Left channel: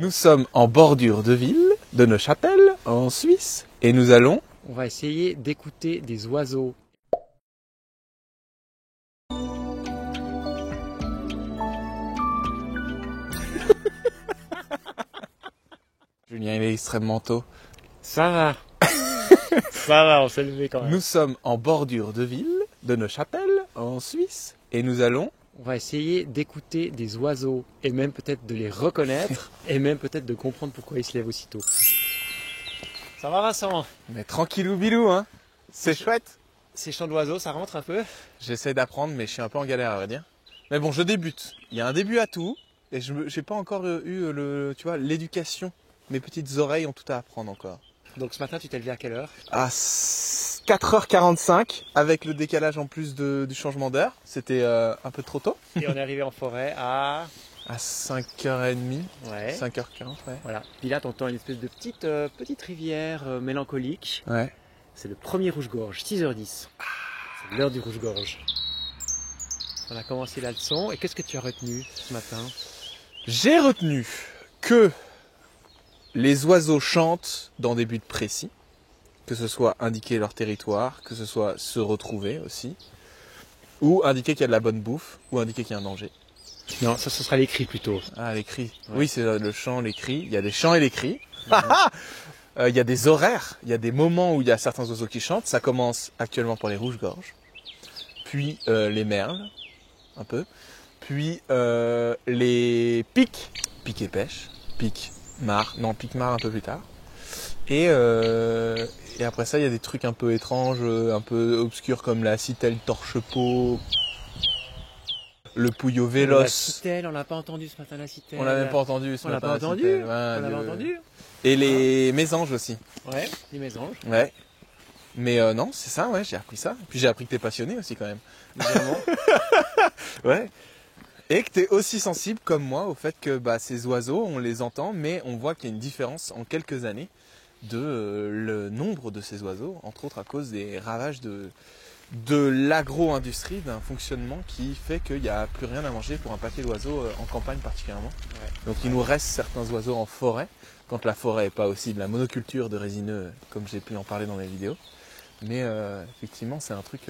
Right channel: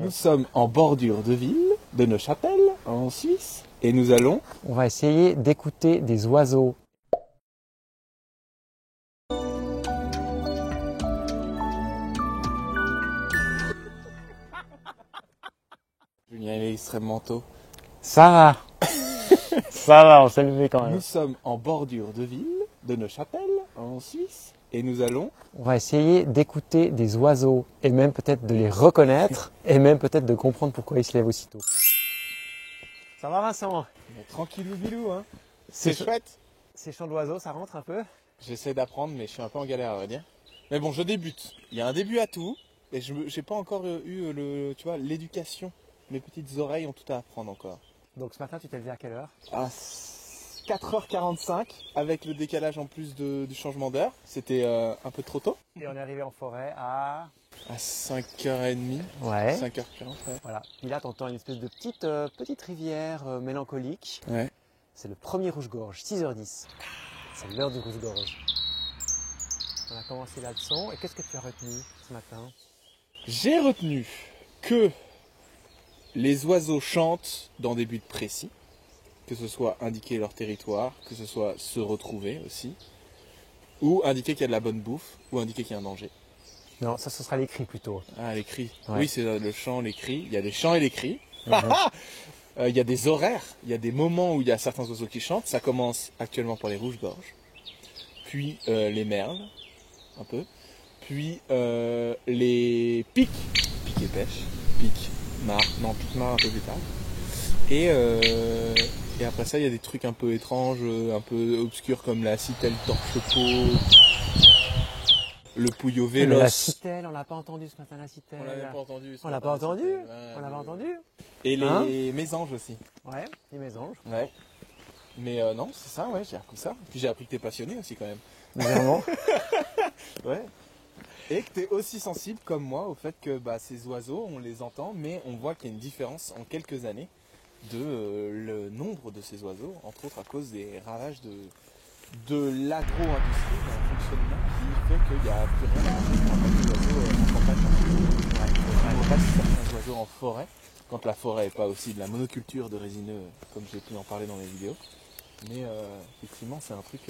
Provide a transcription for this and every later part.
Nous sommes en bordure de ville de Neuchâtel, en Suisse, et nous allons... On va essayer d'écouter des oiseaux. Julien, il est extrêmement tôt. Ça va. Ça va, on s'est levé quand même. Nous sommes en bordure de ville de Neuchâtel, en Suisse, et nous allons... On va essayer d'écouter des oiseaux et même peut-être de les reconnaître et même peut-être de comprendre pourquoi ils se lèvent aussitôt. Ça va Vincent? Mais tranquillou bilou, hein. C'est chouette. Ces chants d'oiseaux, ça rentre un peu? J'essaie d'apprendre, mais je suis un peu en galère, à vrai dire. Mais bon, je débute. Il y a un début à tout, et je n'ai pas encore eu l'éducation. Mes petites oreilles ont tout à apprendre encore. Donc ce matin, tu t'es levé à quelle heure? À 4h45, avec le décalage en plus du changement d'heure. C'était un peu trop tôt. Et on est arrivé en forêt à 5h30, ouais. 5h15. Ouais. Voilà. Puis là, t'entends une espèce de petite rivière mélancolique. Ouais. C'est le premier rouge-gorge, 6h10. C'est l'heure du rouge-gorge. On a commencé la leçon. Et qu'est-ce que tu as retenu ce matin? J'ai retenu que les oiseaux chantent dans des buts précis, que ce soit indiquer leur territoire, que ce soit se retrouver aussi, ou indiquer qu'il y a de la bonne bouffe, ou indiquer qu'il y a un danger. Non, ça ce sera les cris plutôt. Ah, les cris. Ouais. Oui, c'est le chant, les cris. Il y a des chants et des cris. Mhm. Il y a des horaires, il y a des moments où il y a certains oiseaux qui chantent. Ça commence actuellement par les rouges-gorges, puis les merles, un peu, puis les pics et pêche, pique-mare un peu plus tard. Et après ça, il y a des trucs un peu étranges, un peu obscurs comme la citelle torche-peau, le pouillot véloce. La citelle, on n'a pas entendu ce matin la citelle. On l'a même pas entendu ce On l'a matin. pas la entendu. citelle. Ouais, On l'a pas entendu. Et les mésanges aussi. Ouais, les mésanges. Ouais. Mais non, c'est ça, ouais, j'ai appris ça. Puis j'ai appris que t'es passionné aussi quand même. Légèrement. Ouais. Et que t'es aussi sensible comme moi au fait que ces oiseaux, on les entend, mais on voit qu'il y a une différence en quelques années de le nombre de ces oiseaux, entre autres à cause des ravages de l'agro-industrie, d'un fonctionnement qui fait qu'il n'y a plus rien à manger pour un paquet d'oiseaux en campagne particulièrement. Donc il nous reste certains oiseaux en forêt, quand la forêt n'est pas aussi de la monoculture de résineux, comme j'ai pu en parler dans mes vidéos. Mais effectivement, c'est un truc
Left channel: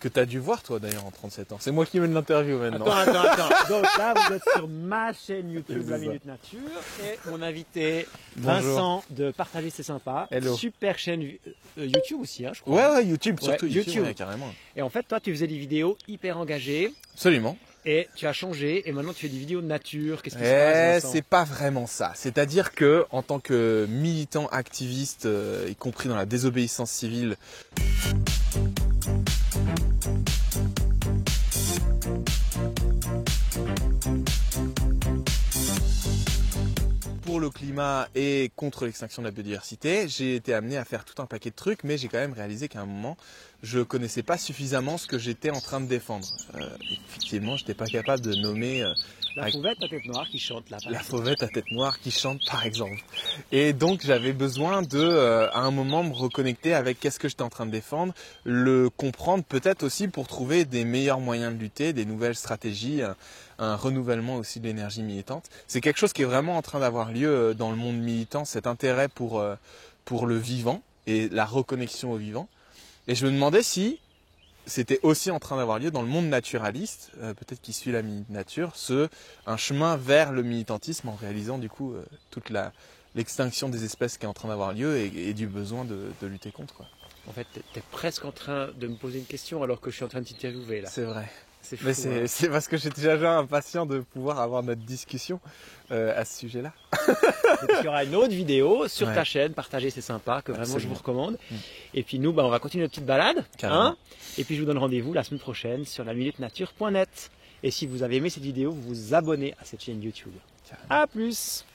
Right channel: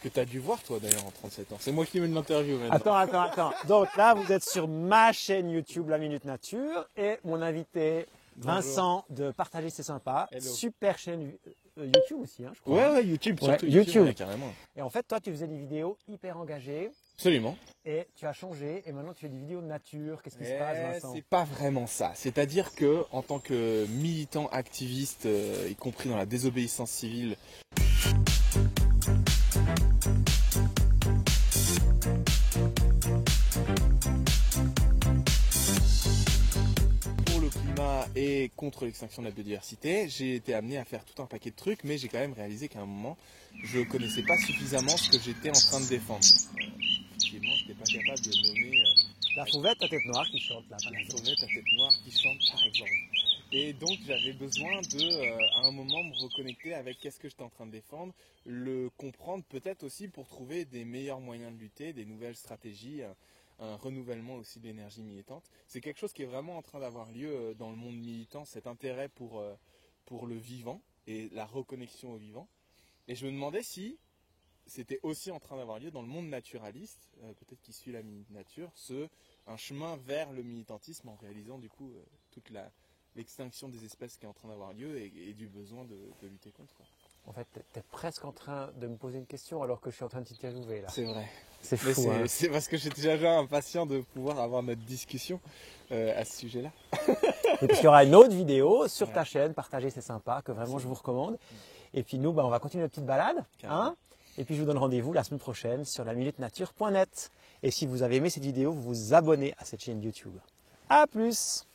que tu as dû voir toi d'ailleurs en 37 ans. C'est moi qui mène l'interview maintenant. Attends. Donc là, vous êtes sur ma chaîne YouTube La Minute Nature et mon invité Vincent de Partager c'est sympa. Hello. Super chaîne YouTube aussi, hein, je crois. Ouais, YouTube, surtout Ouais, YouTube, YouTube. ouais, carrément. Et en fait, toi, tu faisais des vidéos hyper engagées Absolument. et tu as changé et maintenant tu fais des vidéos de nature. Qu'est-ce qui se Eh, passe, Vincent? c'est pas vraiment ça. C'est-à-dire que, en tant que militant activiste, y compris dans la désobéissance civile, pour le climat et contre l'extinction de la biodiversité, j'ai été amené à faire tout un paquet de trucs, mais j'ai quand même réalisé qu'à un moment, je connaissais pas suffisamment ce que j'étais en train de défendre. Effectivement, j'étais pas capable de nommer La fauvette à tête noire qui chante là. la fauvette à tête noire qui chante, par exemple. Et donc j'avais besoin de, à un moment, me reconnecter avec qu'est-ce que j'étais en train de défendre, le comprendre peut-être aussi pour trouver des meilleurs moyens de lutter, des nouvelles stratégies, un renouvellement aussi de l'énergie militante. C'est quelque chose qui est vraiment en train d'avoir lieu dans le monde militant, cet intérêt pour le vivant et la reconnexion au vivant. Et je me demandais si c'était aussi en train d'avoir lieu dans le monde naturaliste, peut-être qui suit la nature, un chemin vers le militantisme en réalisant du coup toute l'extinction des espèces qui est en train d'avoir lieu et du besoin de lutter contre, quoi. En fait, tu es presque en train de me poser une question alors que je suis en train de t'interviewer là. C'est vrai. C'est fou. Mais c'est parce que j'étais déjà impatient de pouvoir avoir notre discussion à ce sujet-là. Et puis il y aura une autre vidéo sur Ouais. ta chaîne, Partager c'est sympa, que vraiment je Absolument. vous recommande. Et puis nous, on va continuer notre petite balade. Carrément. Et puis je vous donne rendez-vous la semaine prochaine sur laminutenature.net. Et si vous avez aimé cette vidéo, vous vous abonnez à cette chaîne YouTube. Carrément. A plus.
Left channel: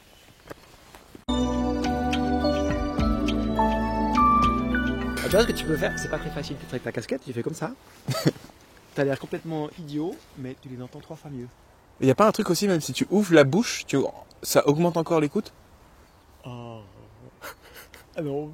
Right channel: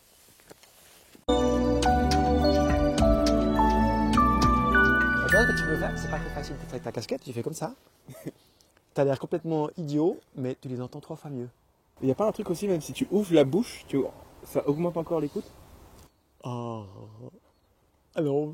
Tu vois ce que tu peux faire? C'est pas très facile. Tu fais avec ta casquette, tu fais comme ça. T'as l'air complètement idiot, mais tu les entends 3 fois mieux. Il n'y a pas un truc aussi, même si tu ouvres la bouche, ça augmente encore l'écoute? Oh. Alors.